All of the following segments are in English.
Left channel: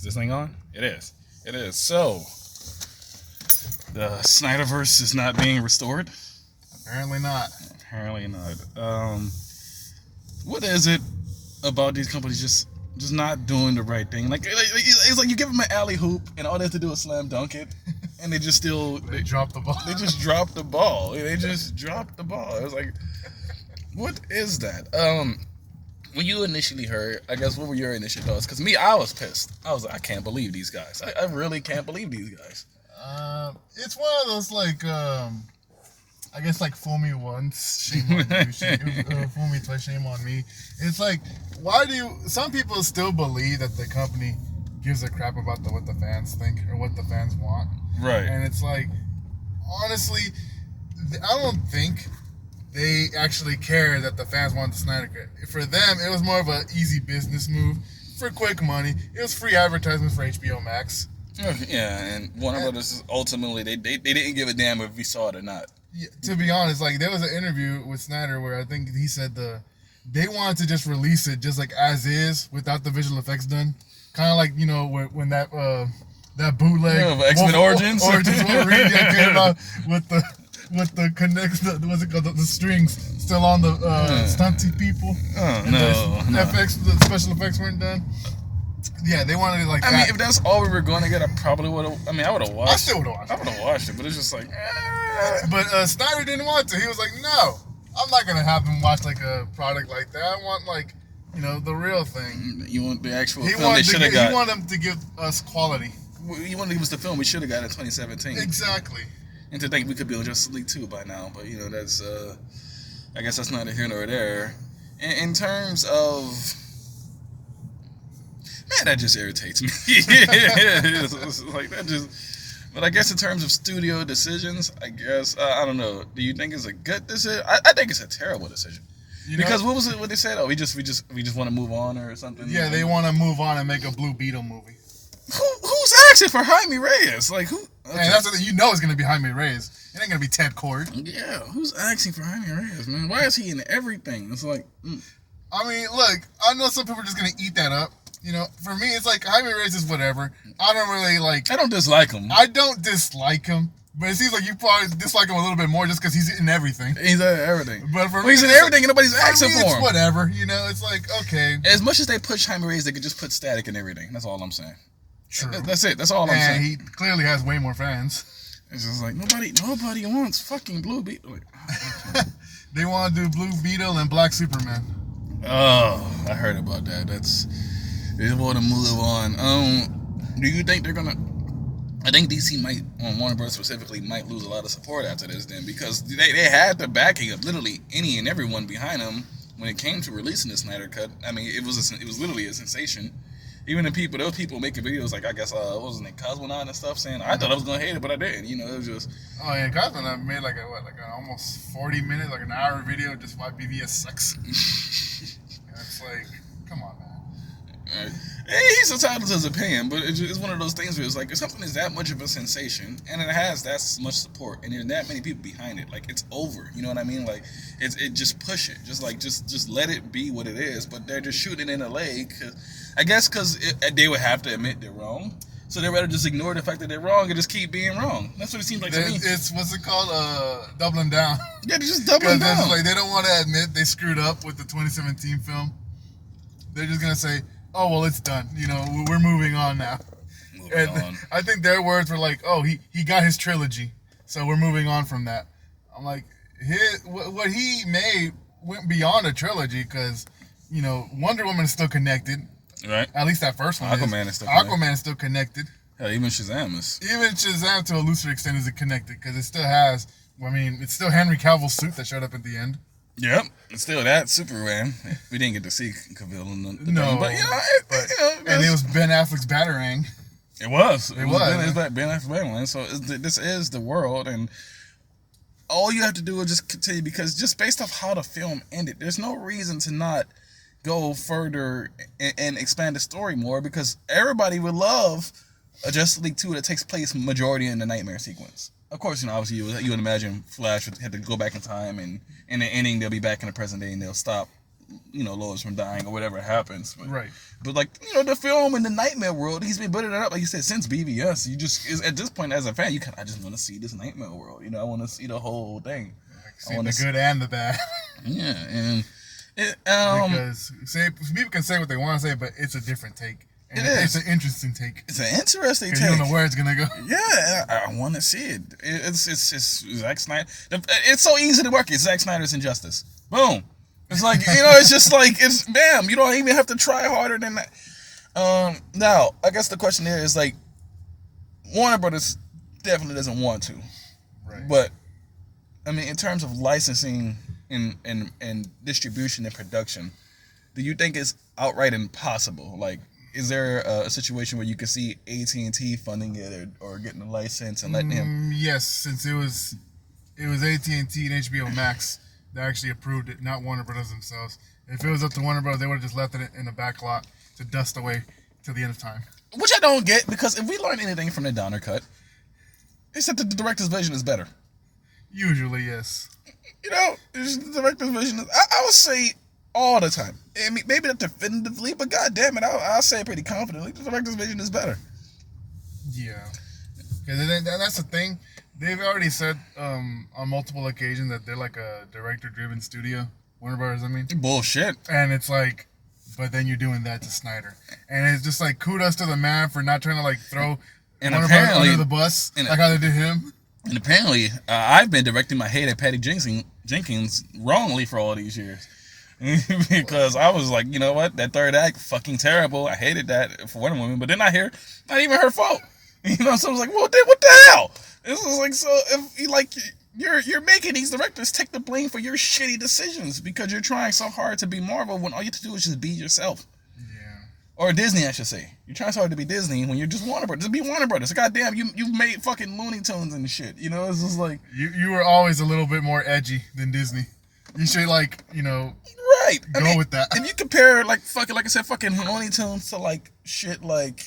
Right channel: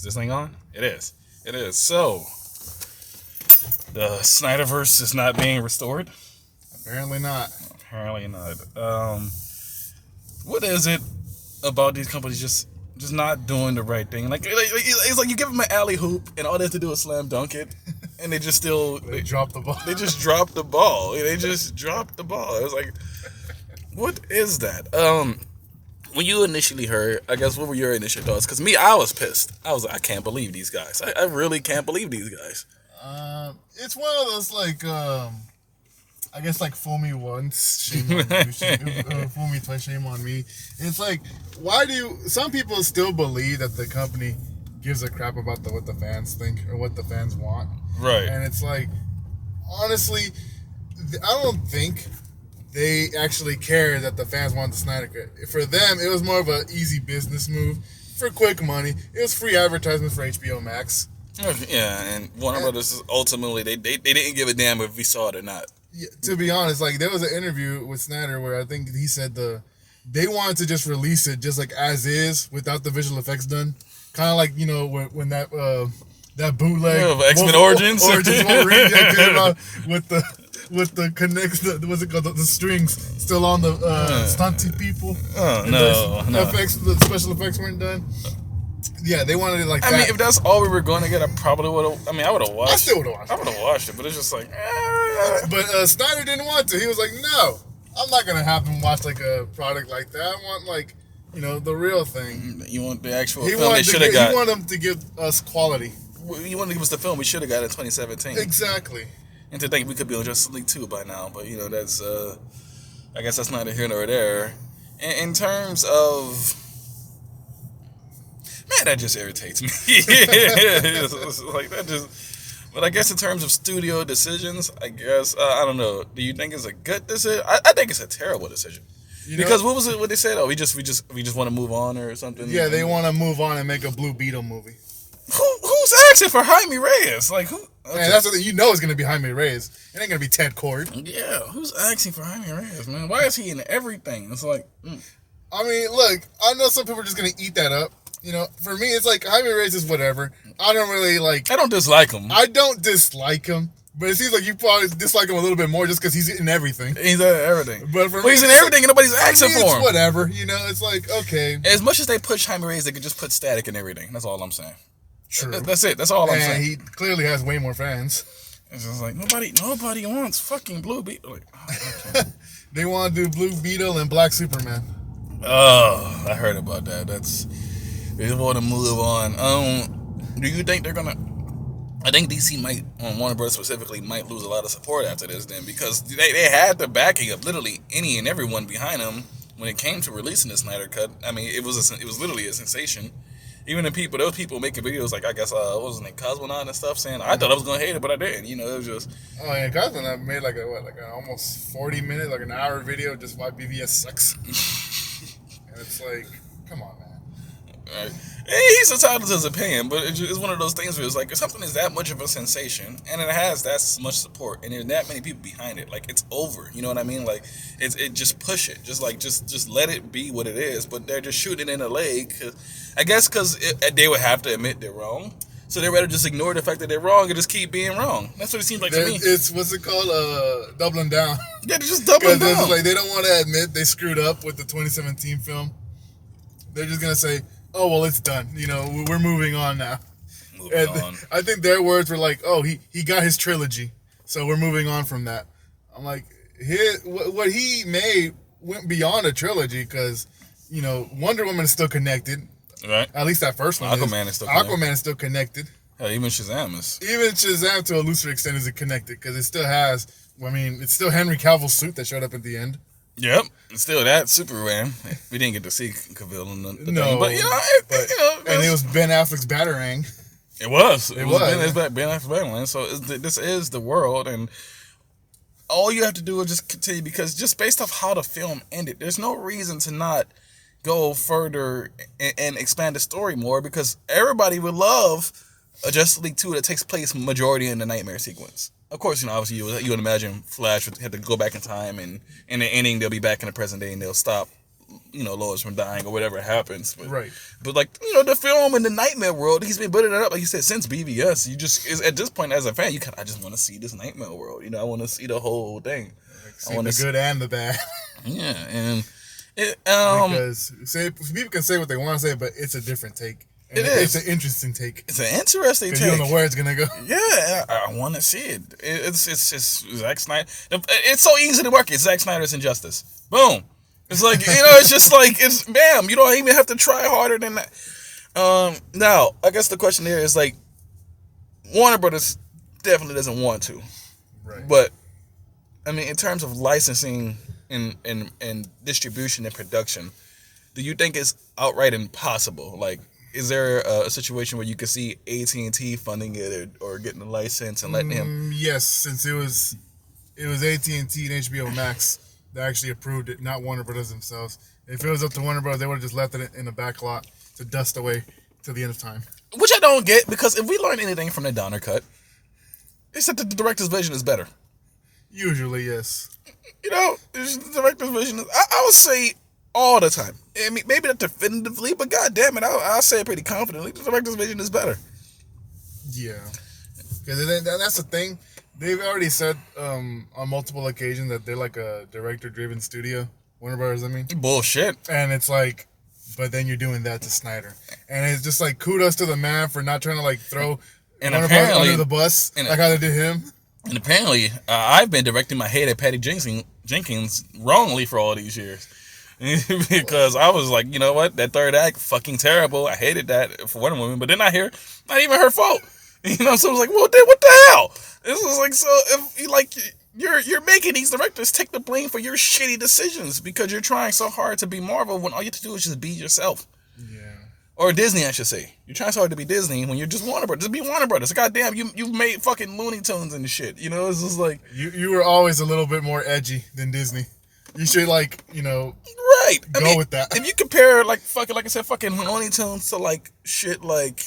Is this thing on? It is. It is. So, the Snyderverse is not being restored? Apparently not. Apparently not. What is it about these companies just not doing the right thing? Like it's like you give them an alley hoop and all they have to do is slam dunk it, and they just still they drop the ball. They just drop the ball. They just drop the ball. It's like, what is that? When you initially heard, I guess, what were your initial thoughts? Because me, I was pissed. I was like, I can't believe these guys. I really can't believe these guys. It's one of those, like, I guess, like, fool me once, shame on you. Fool me twice, shame on me. It's like, some people still believe that the company gives a crap about what the fans think or what the fans want. Right. And it's like, honestly, I don't think they actually care that the fans want the Snyder Cut. For them, it was more of an easy business move for quick money. It was free advertisement for HBO Max. Yeah, and Warner Brothers ultimately they didn't give a damn if we saw it or not. Yeah, to be honest, like there was an interview with Snyder where I think he said they wanted to just release it just like as is without the visual effects done. Kind of like, you know, when that bootleg X-Men Origins Wolverine came out with the connects, what's it called, the strings still on the stunty people. Oh, no. The special effects weren't done. Yeah, they wanted it like that. I mean, if that's all we were going to get, I probably would have. I mean, I would have watched it. I still would have watched it. I would have watched it, but it's just like. But Snyder didn't want to. He was like, no, I'm not going to have him watch like a product like that. I want, like, you know, the real thing. You want the actual film they should have got. He wanted them to give us quality. You want to give us the film we should have got in 2017. Exactly. And to think we could be on Justice League 2 by now, but, you know, that's, I guess that's neither here nor there. In terms of, man, that just irritates me. Like, that just, but I guess in terms of studio decisions, I guess, I don't know. Do you think it's a good decision? I think it's a terrible decision. Because what was it? What they said? Oh, we just want to move on or something. Yeah, they want to move on and make a Blue Beetle movie. Who's asking for Jaime Reyes? Like who? Okay. Man, that's what it's gonna be Jaime Reyes. It ain't gonna be Ted Cord. Yeah, who's asking for Jaime Reyes, man? Why is he in everything? It's like, I mean, look, I know some people are just gonna eat that up. You know, for me, it's like Jaime Reyes is whatever. I don't really like. I don't dislike him. I don't dislike him. But it seems like you probably dislike him a little bit more just because he's in everything. He's in everything. But he's in everything and nobody's asking for him. Whatever, you know, it's like, okay. As much as they push Jaime Reyes, they could just put Static in everything. That's all I'm saying. True. That's it. That's all I'm saying. And he clearly has way more fans. It's just like, nobody wants fucking Blue Beetle. Like, okay. They want to do Blue Beetle and Black Superman. Oh, I heard about that. They want to move on. Do you think they're going to... I think DC might, Warner Bros. Specifically, might lose a lot of support after this then, because they had the backing of literally any and everyone behind them when it came to releasing the Snyder Cut. I mean, it was literally a sensation. Even there was people making videos like, I guess, what was his name, Cosmonaut and stuff, saying, I thought I was going to hate it, but I didn't. You know, it was just... Oh, yeah, Cosmonaut made like a almost 40-minute, like an hour video just why BVS sucks. And it's like, come on, man. Right. He's entitled to his opinion, but it's one of those things where it's like, if something is that much of a sensation and it has that much support and there are that many people behind it, like, it's over. You know what I mean? Like, it just push it, just let it be what it is. But they're just shooting it in the leg, I guess, because they would have to admit they're wrong. So they'd rather just ignore the fact that they're wrong and just keep being wrong. That's what it seems like to me. It's what's it called? Doubling down. Yeah, they're just doubling down. Like, they don't want to admit they screwed up with the 2017 film. They're just gonna say, oh, well, it's done. You know, we're moving on now. Moving on. I think their words were like, oh, he got his trilogy, so we're moving on from that. I'm like, what he made went beyond a trilogy because, you know, Wonder Woman is still connected. Right. At least that first one Aquaman is still connected. Aquaman is still connected. Hell, even Shazam is. Even Shazam, to a looser extent, is connected because it still has, it's still Henry Cavill's suit that showed up at the end. Yep, it's still that Superman. We didn't get to see Cavill in the thing, but and it was Ben Affleck's Batarang. It was Ben Affleck's Batarang. So this is the world, and all you have to do is just continue, because just based off how the film ended, there's no reason to not go further and expand the story more, because everybody would love a Justice League 2 that takes place majority in the nightmare sequence. Of course, obviously you would imagine Flash would have to go back in time, and in the ending they'll be back in the present day and they'll stop Lois from dying or whatever happens. Right. But like, the film in the Nightmare world, he's been building it up, like you said, since BVS. You just is at this point as a fan, I just want to see this Nightmare world. I want to see the whole thing. See the good and the bad. Yeah, and because people can say what they want to say, but it's a different take. And it's an interesting take. It's an interesting take. You don't know where it's gonna go. Yeah, I want to see it. It's Zack Snyder. It's so easy to work. It's Zack Snyder's Injustice. Boom. It's like it's just like it's bam. You don't even have to try harder than that. Now, I guess the question here is like, Warner Brothers definitely doesn't want to, right? But I mean, in terms of licensing and distribution and production, do you think it's outright impossible? Like, is there a situation where you could see AT&T funding it or getting a license and letting him? Yes, since it was AT&T and HBO Max that actually approved it, not Warner Brothers themselves. If it was up to Warner Brothers, they would have just left it in the back lot to dust away till the end of time. Which I don't get, because if we learn anything from the Donner Cut, it's that the director's vision is better. Usually, yes. The director's vision is, I would say all the time. I mean, maybe not definitively, but God damn it, I'll say it pretty confidently. The director's vision is better. Yeah. Because that's the thing. They've already said on multiple occasions that they're like a director-driven studio. Warner Brothers, I mean. Bullshit. And it's like, but then you're doing that to Snyder. And it's just like, kudos to the man for not trying to like throw Warner Brothers under the bus like how they did him. And apparently, I've been directing my hate at Patty Jenkins wrongly for all these years. Because I was like, you know what? That third act, fucking terrible. I hated that for Wonder Woman. But then I hear, not even her fault. So I was like, well, then what the hell? This was like, so if you like, you're making these directors take the blame for your shitty decisions because you're trying so hard to be Marvel when all you have to do is just be yourself. Yeah. Or Disney, I should say. You're trying so hard to be Disney when you're just Warner Brothers. Just be Warner Brothers. Goddamn, you've made fucking Looney Tunes and shit. It's just like... You were always a little bit more edgy than Disney. You should, like, right. Go with that. If you compare, like I said, fucking Looney Tunes to, like, shit like...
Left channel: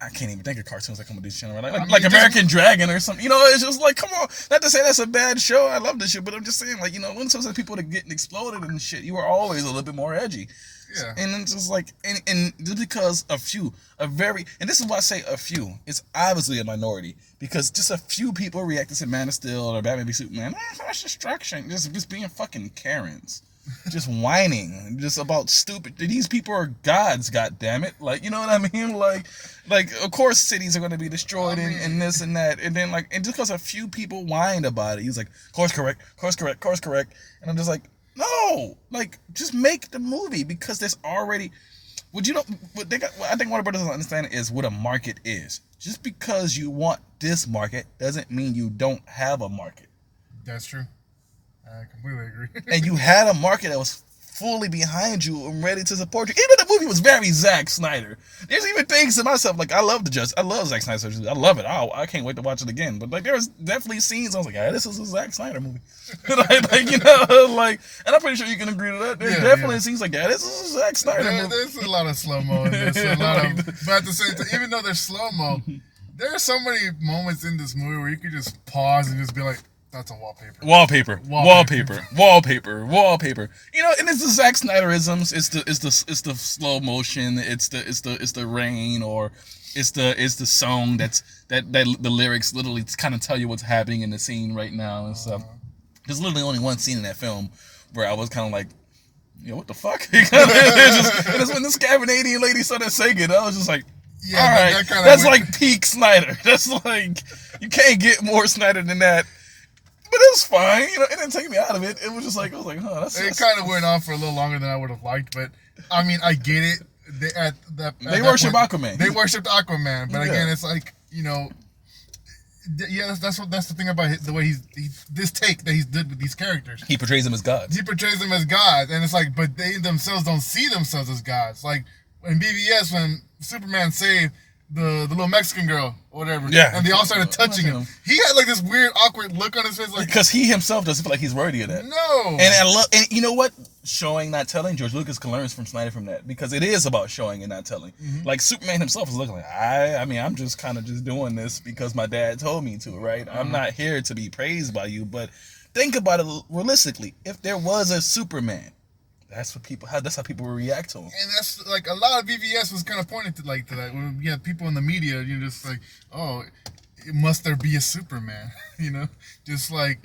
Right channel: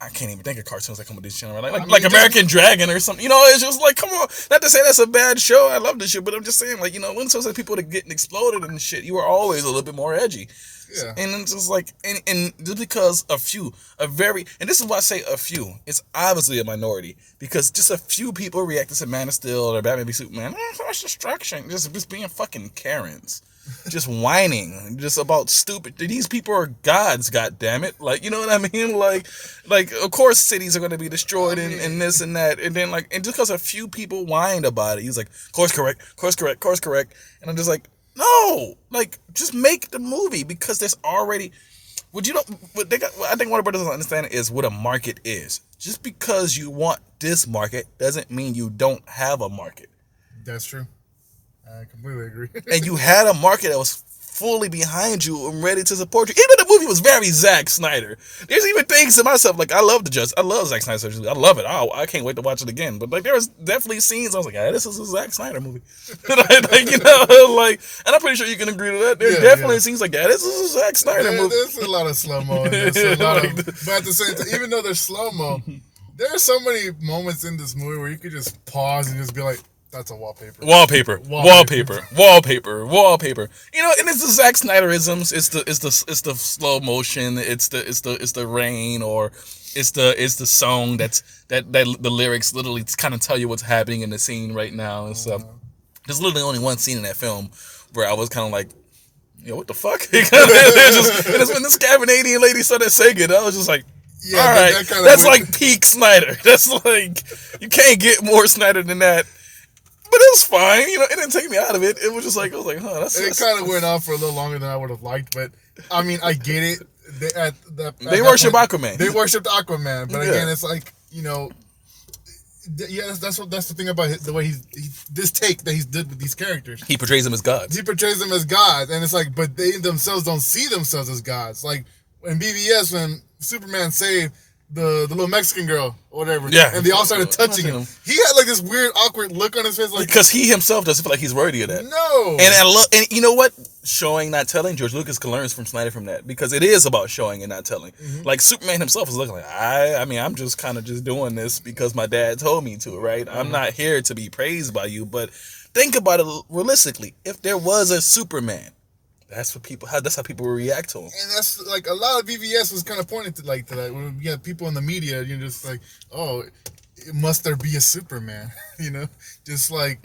I can't even think of cartoons that come with this channel, right? Like American Dragon or something. It's just like, come on. Not to say that's a bad show. I love this shit, but I'm just saying, like, Looney Tunes are people that getting exploded and shit. You were always a little bit more edgy. Yeah. And it's just like, and just because and this is why I say a few, it's obviously a minority, because just a few people reacted to Man of Steel or Batman v Superman, that's destruction, just being fucking Karens, just whining, just about stupid, these people are gods, goddammit, like, you know what I mean, like, of course cities are going to be destroyed and this and that, and then like, and just because a few people whined about it, he's like, course correct, and I'm just like, no, like, just make the movie, because there's already, I think Warner Brothers doesn't understand is what a market is. Just because you want this market doesn't mean you don't have a market. That's true. I completely agree. And you had a market that was fully behind you and ready to support you. Even the movie was very Zack Snyder. There's even things to myself, like, I love Zack Snyder. I love it. I can't wait to watch it again. But like, there was definitely scenes I was like, this is a Zack Snyder movie. And I'm pretty sure you can agree to that. There definitely scenes like that. This is a Zack Snyder movie. There's a lot of slow-mo in this. But at the same time, even though there's slow-mo, there are so many moments in this movie where you could just pause and just be like, that's a wallpaper. Wallpaper. And it's the Zack Snyderisms. It's the slow motion. It's the rain, or it's the song that the lyrics literally kind of tell you what's happening in the scene right now and stuff. There's literally only one scene in that film where I was kind of like, what the fuck? And it's when this Canadian lady started singing, I was just like, all right, that's like peak Snyder. That's like, you can't get more Snyder than that. But it was fine, it didn't take me out of it. It was just like, I was like, it kind of went on for a little longer than I would have liked, but I mean, I get it. They worship Aquaman. They worshipped Aquaman, but again, it's like, that's the thing about the way this take that he's did with these characters. He portrays them as gods. And it's like, but they themselves don't see themselves as gods. Like in BVS, when Superman saved the little Mexican girl or whatever, and they all started touching him. He had like this weird, awkward look on his face, like, because he himself doesn't feel like he's worthy of that. No, and you know what? Showing, not telling. George Lucas can learn from Snyder from that, because it is about showing and not telling. Mm-hmm. Like Superman himself is looking like, I'm just kind of just doing this because my dad told me to, right? Mm-hmm. I'm not here to be praised by you, but think about it realistically. If there was a Superman That's what people. That's how people will react to him. And that's like a lot of BVS was kind of pointing to that. When you have people in the media, you're just like, oh, must there be a Superman? Just like,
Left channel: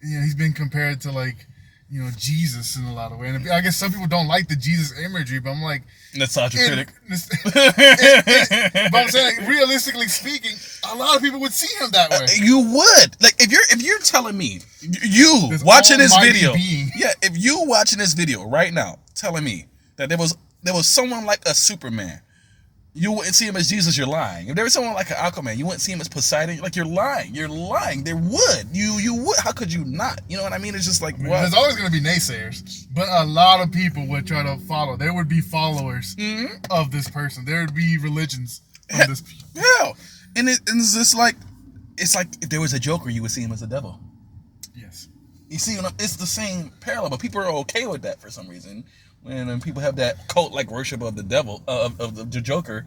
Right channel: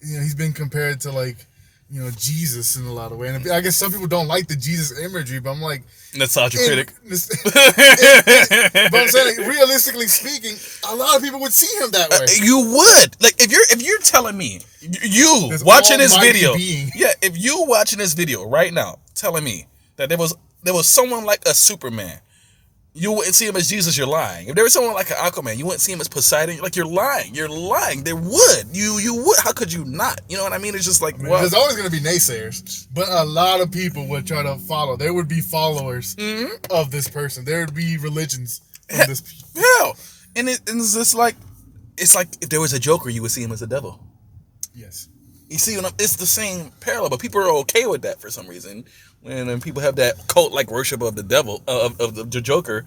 he's been compared to like, Jesus in a lot of ways. And I guess some people don't like the Jesus imagery, but I'm like, that's critic. But I'm saying, like, realistically speaking, a lot of people would see him that way. You would. Like, if you're telling me, you watching this video, if you watching this video right now, telling me that there was someone like a Superman, you wouldn't see him as Jesus, you're lying. If there was someone like an Aquaman, you wouldn't see him as Poseidon, like, you're lying. You're lying. There would. You would. How could you not? You know what I mean? It's just like, well, there's always going to be naysayers, but a lot of people would try to follow. There would be followers of this person. There would be religions of this people. Yeah. And it's just like, it's like if there was a Joker, you would see him as a devil. Yes. You see, it's the same parallel, but people are okay with that for some reason. When people have that cult-like worship of the devil, of the Joker,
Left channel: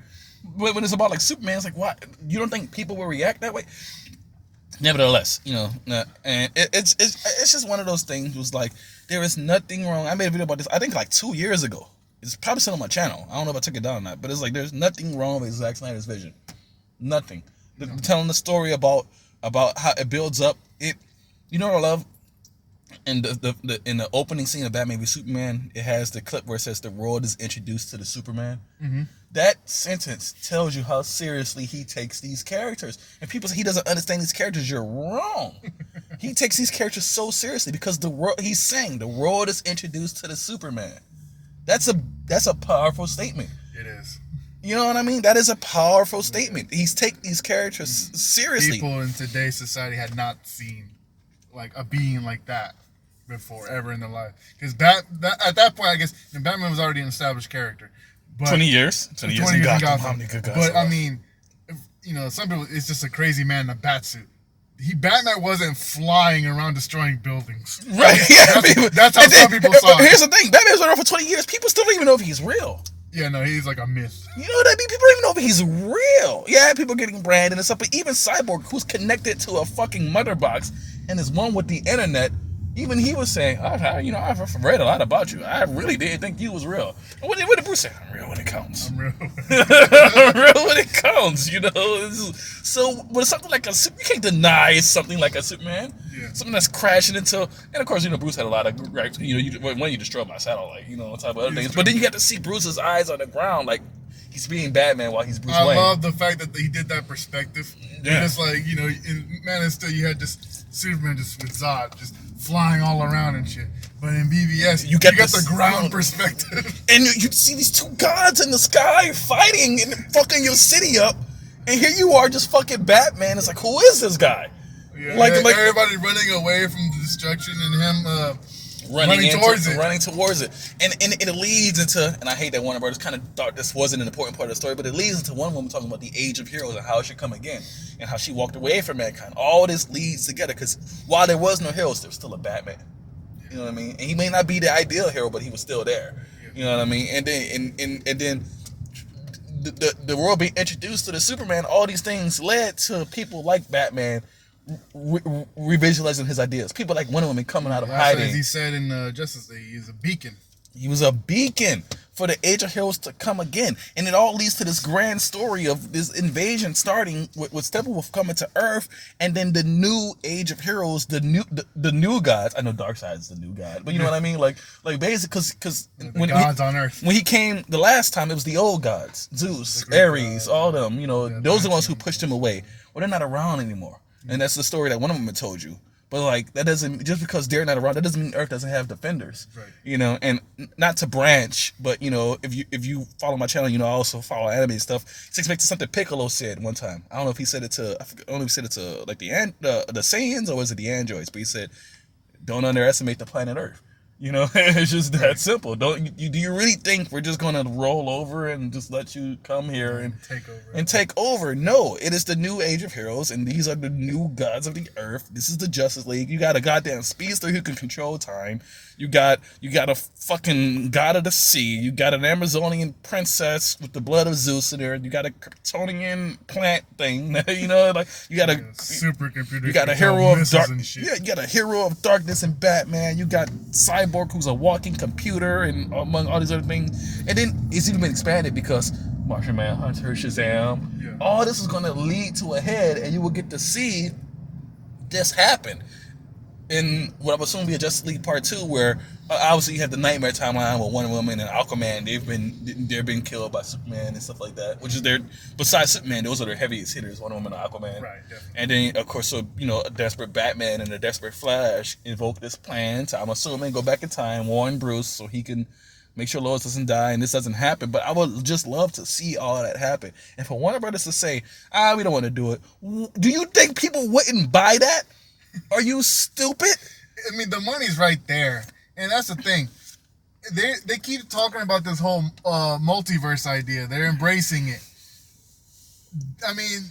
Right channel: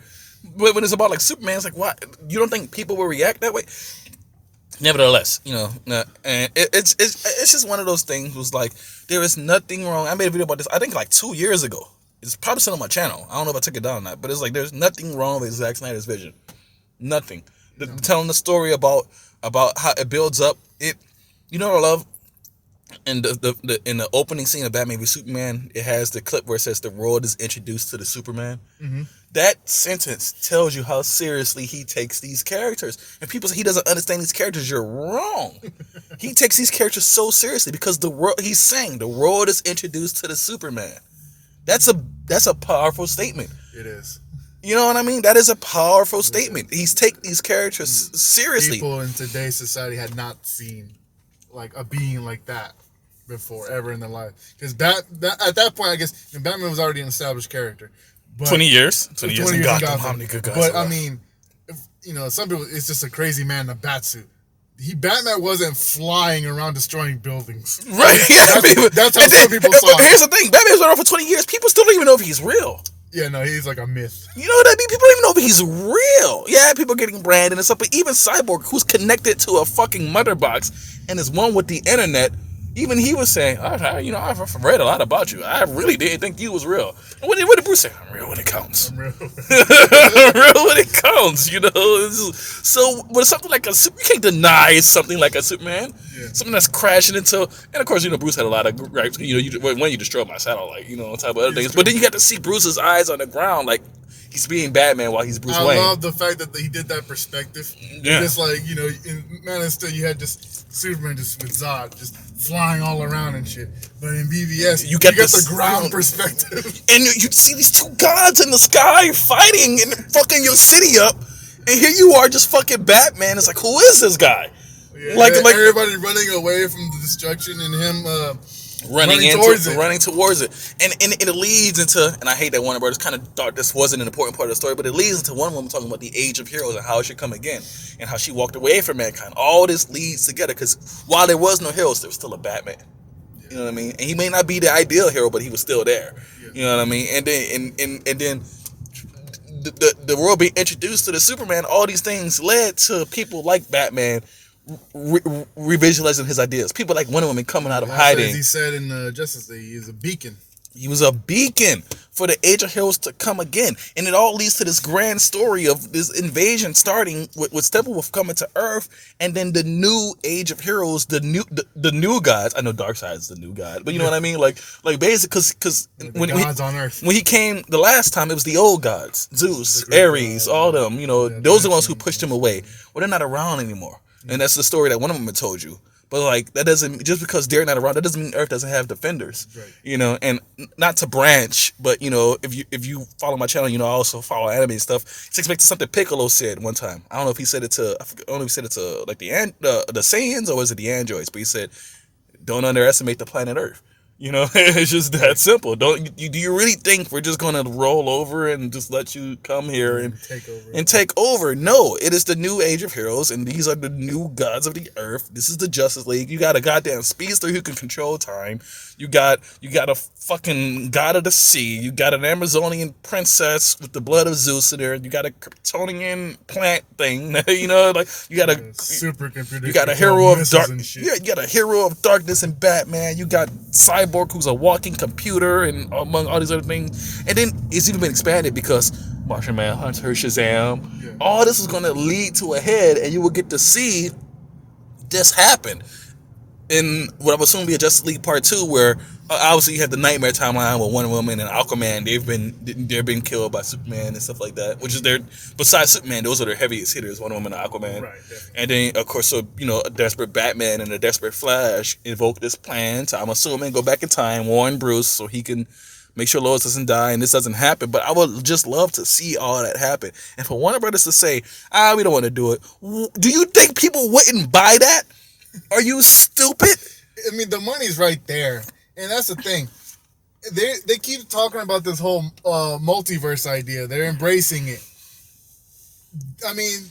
but when it's about like Superman, it's like, what? You don't think people will react that way? Nevertheless, and it's just one of those things. Was like, there is nothing wrong. I made a video about this, I think like 2 years ago. It's probably still on my channel. I don't know if I took it down or not, but it's like, there's nothing wrong with Zack Snyder's vision. Nothing. Telling the story about how it builds up. What I love? And in the opening scene of Batman v Superman, it has the clip where it says the world is introduced to the Superman. Mm-hmm. That sentence tells you how seriously he takes these characters. And people say he doesn't understand these characters. You're wrong. He takes these characters so seriously because he's saying the world is introduced to the Superman. That's a powerful statement. It is. You know what I mean? That is a powerful statement. He's taking these characters seriously. People in today's society had not seen like a being like that before ever in their life, because at that point, I guess Batman was already an established character. But 20 years in Gotham. How many good guys? But I mean, some people, it's just a crazy man in a bat suit. Batman wasn't flying around destroying buildings. Right? Yeah, that's how some people saw it. Here's the thing: Batman's been around for 20 years. People still don't even know if he's real. Yeah, no, he's like a myth. You know what I mean? People don't even know if he's real. Yeah, people getting branded and stuff, but even Cyborg, who's connected to a fucking mother box and is one with the internet, even he was saying, I've read a lot about you. I really didn't think you was real. And what did Bruce say? I'm real when it counts. I'm real. I'm real when it counts, So, but something like you can't deny it's something like a Superman. Yeah. Something that's crashing into, and of course, Bruce had a lot of gripes. When you destroyed my satellite, on top of other things. But then you got to see Bruce's eyes on the ground, like he's being Batman while he's Bruce Wayne. I love the fact that he did that perspective. Yeah. Just like, in Man of Steel, you had just Superman just with Zod just flying all around and shit. But in BVS, you got the ground perspective. And you see these two gods in the sky fighting and fucking your city up. And here you are just fucking Batman. It's like, who is this guy? Yeah, like everybody running away from the destruction and him running towards it. And it leads into, and I hate that Warner Brothers kind of thought this wasn't an important part of the story, but it leads into one woman talking about the age of heroes and how it should come again and how she walked away from mankind. All this leads together because while there was no heroes, there was still a Batman. You know what I mean? And he may not be the ideal hero, but he was still there. You know what I mean? And then the world being introduced to the Superman, all these things led to people like Batman revisualizing his ideas. People like Wonder Woman coming out of hiding. As he said in Justice League, he was a beacon. He was a beacon for the Age of Heroes to come again. And it all leads to this grand story of this invasion starting with Steppenwolf coming to Earth, and then the new Age of Heroes, the new gods. I know Darkseid's the new god, but you know what I mean? Like basically, because when gods on Earth. When he came the last time, it was the old gods, Zeus, Ares, all them. Those are the ones who pushed him away. Well, they're not around anymore. And that's the story that one of them had told you. But like that doesn't, just because they're not around, that doesn't mean Earth doesn't have defenders. Right. And not to branch, but if you follow my channel, I also follow anime and stuff. It's expected something Piccolo said one time. I don't know if he said it to, I don't know if he said it to like the Saiyans or was it the androids, but he said, don't underestimate the planet Earth. It's just that simple. Do you really think we're just gonna roll over and just let you come here and take over? No, it is the new Age of Heroes, and these are the new gods of the Earth. This is the Justice League. You got a goddamn speedster who can control time. You got a fucking god of the sea. You got an Amazonian princess with the blood of Zeus in there. You got a Kryptonian plant thing. Like you got a supercomputer. You got a hero of dark. Yeah, you got a hero of darkness in Batman. You got Cyborg cyborg who's a walking computer, and among all these other things. And then it's even been expanded because Martian Manhunter, Shazam, all this is going to lead to a head, and you will get to see this happen in what I'm assuming be a Justice League Part 2, where obviously you have the Nightmare timeline with Wonder Woman and Aquaman. They've been killed by Superman and stuff like that, which is besides Superman, those are their heaviest hitters, Wonder Woman and Aquaman. Right, definitely. And then of course, so a desperate Batman and a desperate Flash invoke this plan to, I'm assuming, go back in time, warn Bruce so he can make sure Lois doesn't die and this doesn't happen. But I would just love to see all that happen. And for Warner Brothers to say, we don't want to do it, do you think people wouldn't buy that? Are you stupid? I mean, the money's right there, and that's the thing. They keep talking about this whole multiverse idea. They're embracing it. I mean,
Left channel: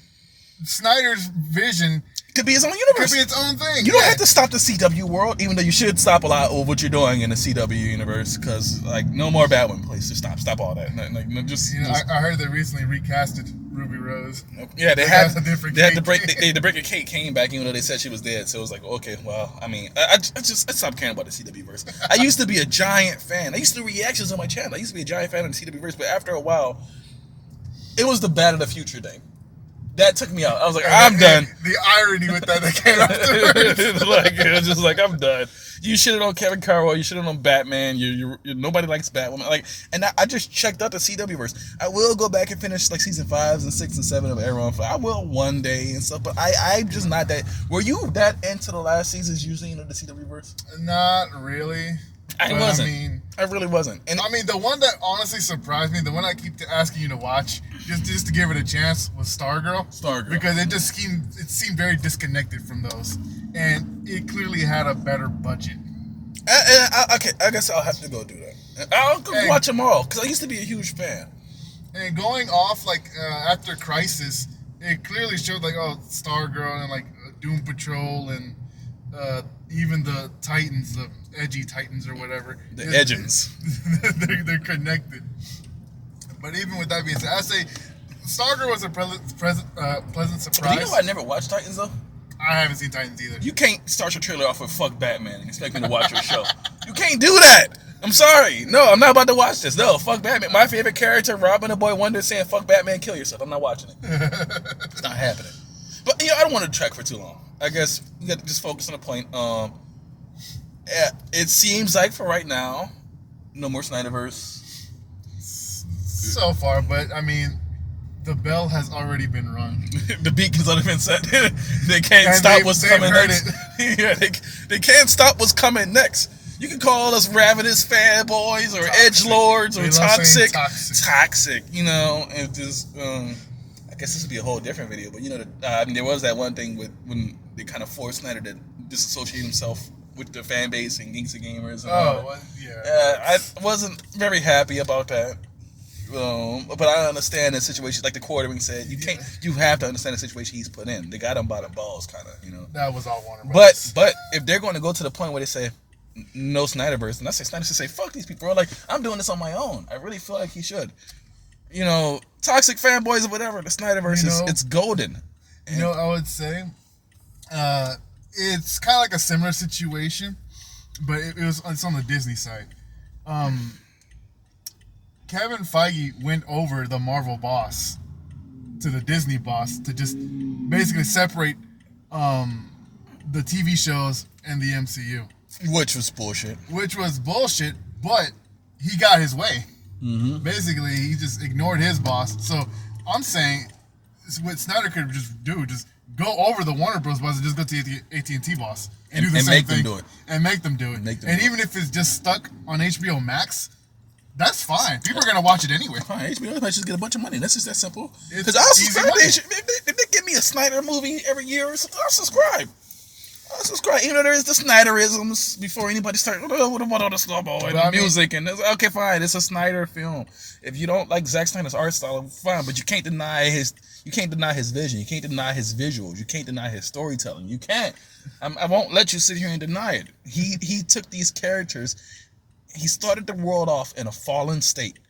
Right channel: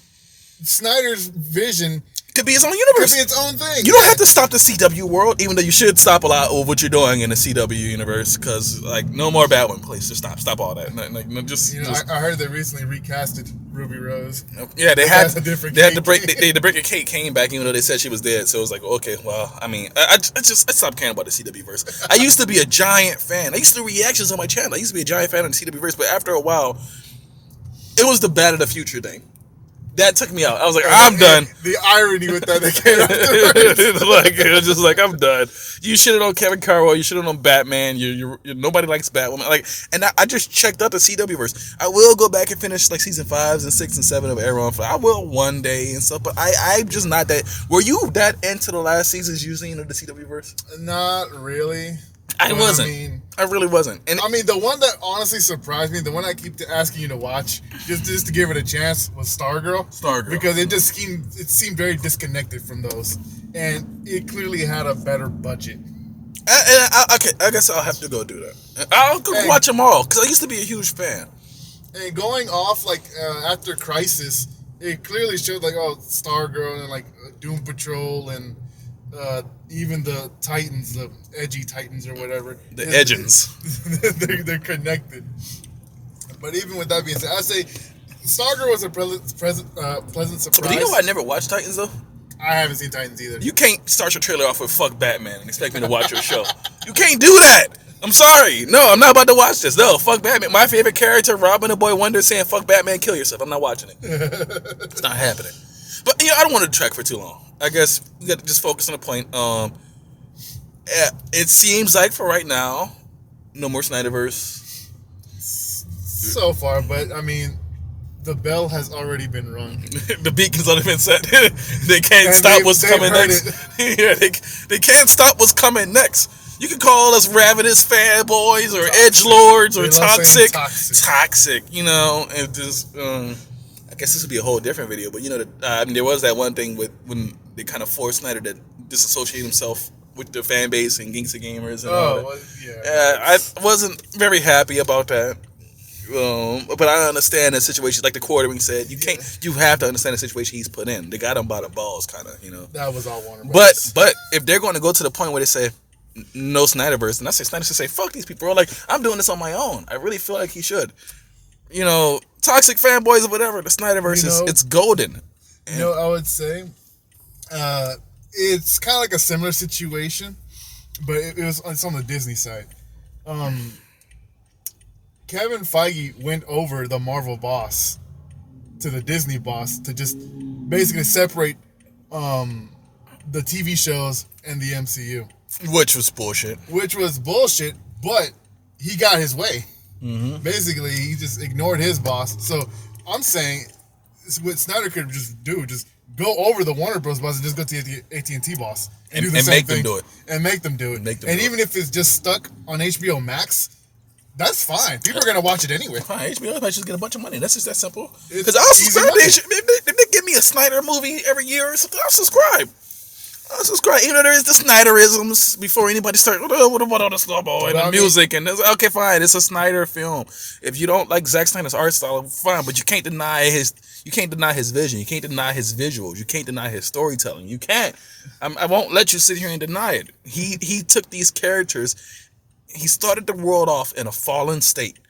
Snyder's vision could be its own universe. Could be its own thing. You don't have to stop the CW world, even though you should stop a lot of what you're doing in the CW universe. Because no more Batwoman, please. Just stop all that. I heard they recently recasted Ruby Rose. Yeah, they had to break the Kate Kane back, even though they said she was dead. So it was like, okay, well, I mean, I stopped caring about the CW verse. I used to be a giant fan. I used to do reactions on my channel. I used to be a giant fan of the CW verse, but after a while, it was the Back to the Future thing. That took me out. I was like, I'm done. The irony with that came afterwards. It was just like, I'm done. You shitted on Kevin Carroll. You shitted on Batman. Nobody likes Batwoman. And I just checked out the CW verse. I will go back and finish season 5 and 6 and 7 of Arrow. I will one day and stuff. But I'm just not that. Were you that into the last seasons using the CW verse? Not really. I wasn't. I really wasn't. And I mean, the one that honestly surprised me, the one I keep asking you to watch, just to give it a chance, was Stargirl. Because it seemed very disconnected from those, and it clearly had a better budget. Okay, I guess I'll have to go do that. I'll go watch them all because I used to be a huge fan. And going off after Crisis, it clearly showed Stargirl and Doom Patrol and even the Titans, the edgy Titans or whatever. The Edgens. They're connected. But even with that being said, I say Stargirl was a pleasant surprise. But you know I never watched Titans though? I haven't seen Titans either. You can't start your trailer off with fuck Batman and expect me to watch your show. You can't do that. I'm sorry. No, I'm not about to watch this. No, fuck Batman. My favorite character, Robin the Boy Wonder, saying fuck Batman, kill yourself. I'm not watching it. It's not happening. But I don't want to track for too long. I guess we got to just focus on the point. It seems like for right now, no more Snyderverse. So far, but I mean, the bell has already been rung. The beacon's already been set. They can't stop what's coming next. Yeah, they can't stop what's coming next. You can call us ravenous fanboys or edgelords or toxic. Toxic, and just. I guess this would be a whole different video, but there was that one thing when they kind of forced Snyder to disassociate himself with the fan base and Gangsta Gamers and all that. Well, yeah. I wasn't very happy about that. But I understand the situation, like the quartering said. You have to understand the situation he's put in. They got him by the balls, kind of, That was all Warner Brothers. But if they're going to go to the point where they say no Snyderverse, and I say Snyder should say fuck these people. I'm doing this on my own. I really feel like he should. Toxic fanboys or whatever, the Snyderverse it's golden. I would say it's kind of like a similar situation, but it's on the Disney side. Kevin Feige went over the Marvel boss to the Disney boss to just basically separate the TV shows and the MCU. Which was bullshit, but he got his way. Mm-hmm. Basically, he just ignored his boss. So I'm saying what Snyder could just go over the Warner Bros. Boss and just go to the AT&T boss and do the same thing. And make them do it. And even if it's just stuck on HBO Max, that's fine. People are going to watch it anyway. Fine. HBO might just get a bunch of money. That's just that simple. Because I'll subscribe. If they give me a Snyder movie every year or something, I'll subscribe. Even though there is the Snyderisms before anybody starts, what about all the snowball and the music? And okay, fine, it's a Snyder film. If you don't like Zack Snyder's art style, fine, but you can't deny his vision. You can't deny his visuals. You can't deny his storytelling. You can't. I won't let you sit here and deny it. He took these characters. He started the world off in a fallen state.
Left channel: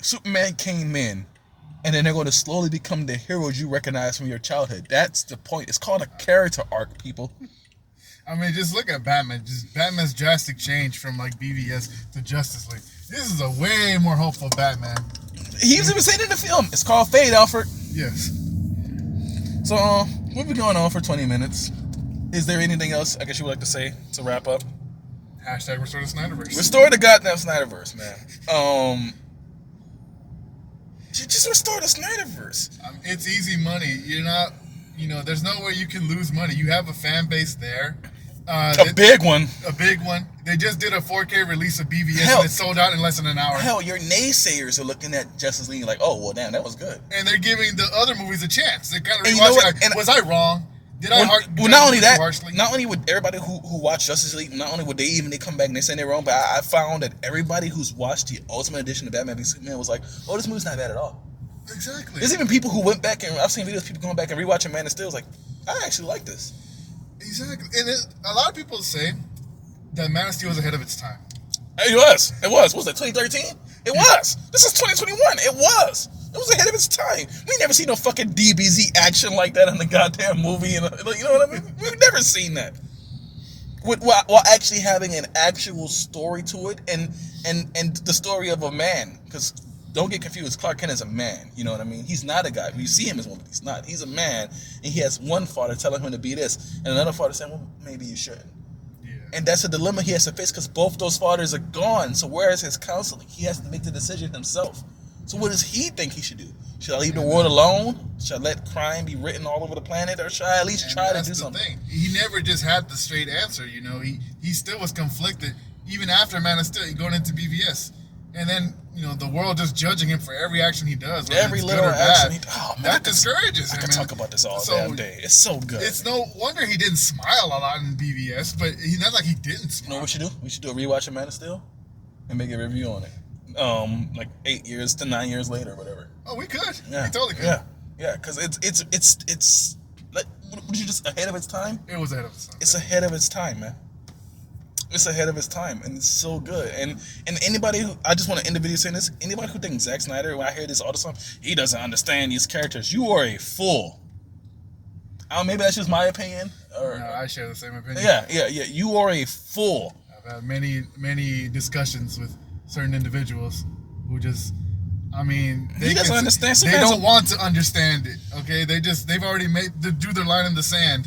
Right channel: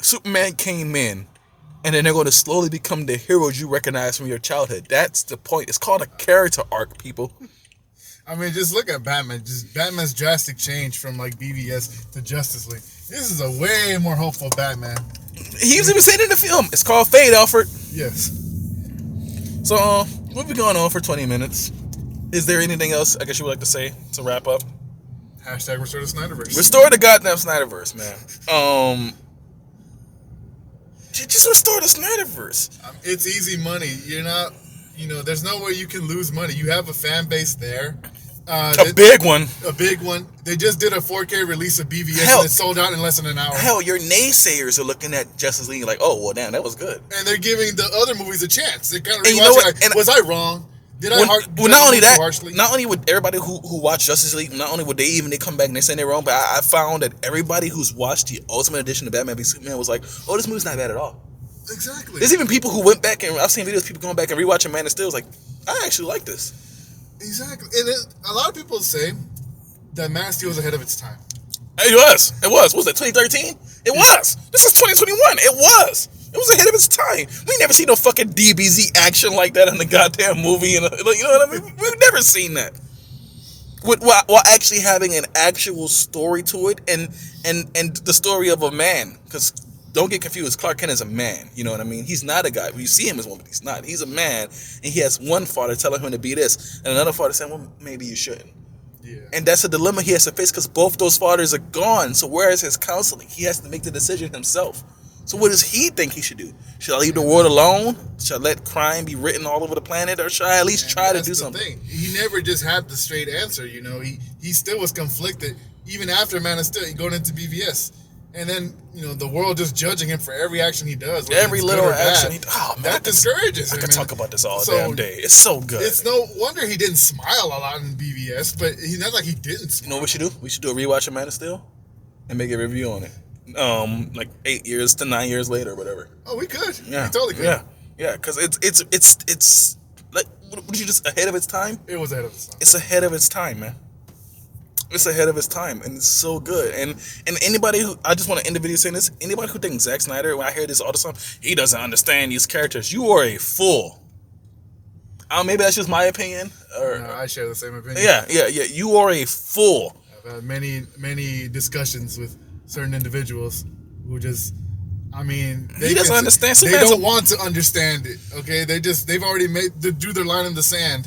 Superman came in. And then they're going to slowly become the heroes you recognize from your childhood. That's the point. It's called a character arc, people. I mean, just look at Batman. Just Batman's drastic change from like BVS to Justice League. This is a way more hopeful Batman. He was even saying in the film, it's called Fade, Alfred. Yes. So, we've been going on for 20 minutes. Is there anything else I guess you would like to say to wrap up? Hashtag restore the Snyderverse. Restore the goddamn Snyderverse, man. Just restore the Snyderverse. It's easy money. You're not, there's no way you can lose money. You have a fan base there. A big one. A big one. They just did a 4K release of BVS Hell, and it sold out in less than an hour. Hell, your naysayers are looking at Justice League like, oh, well, damn, that was good. And they're giving the other movies a chance. They're kind of rewatching like, was I wrong? Did I not only that, harshly? not only would everybody who watched Justice League, not only would they come back and they say they're wrong, but I found that everybody who's watched the Ultimate Edition of Batman v Superman was like, oh, this movie's not bad at all. Exactly. There's even people who went back and I've seen videos of people going back and rewatching Man of Steel. Like, I actually like this. Exactly. And a lot of people say that Man of Steel was ahead of its time. It was. Was that 2013? It was. This is 2021. It was ahead of its time. We never seen no fucking DBZ action like that in the goddamn movie. And you know what I mean? We've never seen that. While actually having an actual story to it and the story of a man. Because don't get confused, Clark Kent is a man. You know what I mean? He's not a guy. You see him as one, but he's not. He's a man, and he has one father telling him to be this, and another father saying, well, maybe you shouldn't. Yeah. And that's a dilemma he has to face because both those fathers are gone. So where is his counseling? He has to make the decision himself. So what does he think he should do? Should I leave the world alone? Should I let crime be written all over the planet? Or should I at least try to do something? Thing. He never just had the straight answer, He still was conflicted, even after Man of Steel, going into BVS. And then, the world just judging him for every action he does. Every little action that discourages him. I could talk about this all damn day. It's so good. It's no wonder he didn't smile a lot in BVS, but he's not like he didn't smile. You know what we should do? We should do a rewatch of Man of Steel and make a review on it. Like 8 years to 9 years later or whatever. Oh, we could. Yeah. We totally could. Yeah, because it's like, what you just ahead of its time? It was ahead of its time. It's ahead of its time, man. It's ahead of its time, and it's so good. And anybody who, I just want to end the video saying this, anybody who thinks Zack Snyder, when I hear this all the time, he doesn't understand these characters, you are a fool. Maybe that's just my opinion. No, I share the same opinion. Yeah. You are a fool. I've had many discussions with certain individuals who just, he doesn't understand. They don't want to understand it. Okay, they've already drew their line in the sand.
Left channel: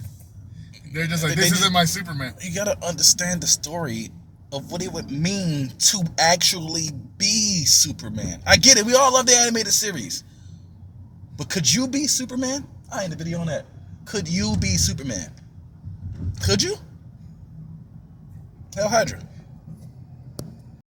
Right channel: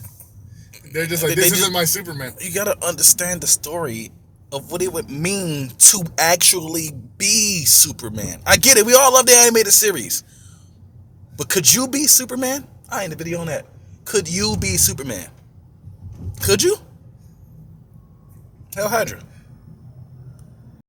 They're just like, this isn't my Superman. You gotta understand the story of what it would mean to actually be Superman. I get it. We all love the animated series. But could you be Superman? I ain't a video on that. Could you be Superman? Could you? Hell Hydra.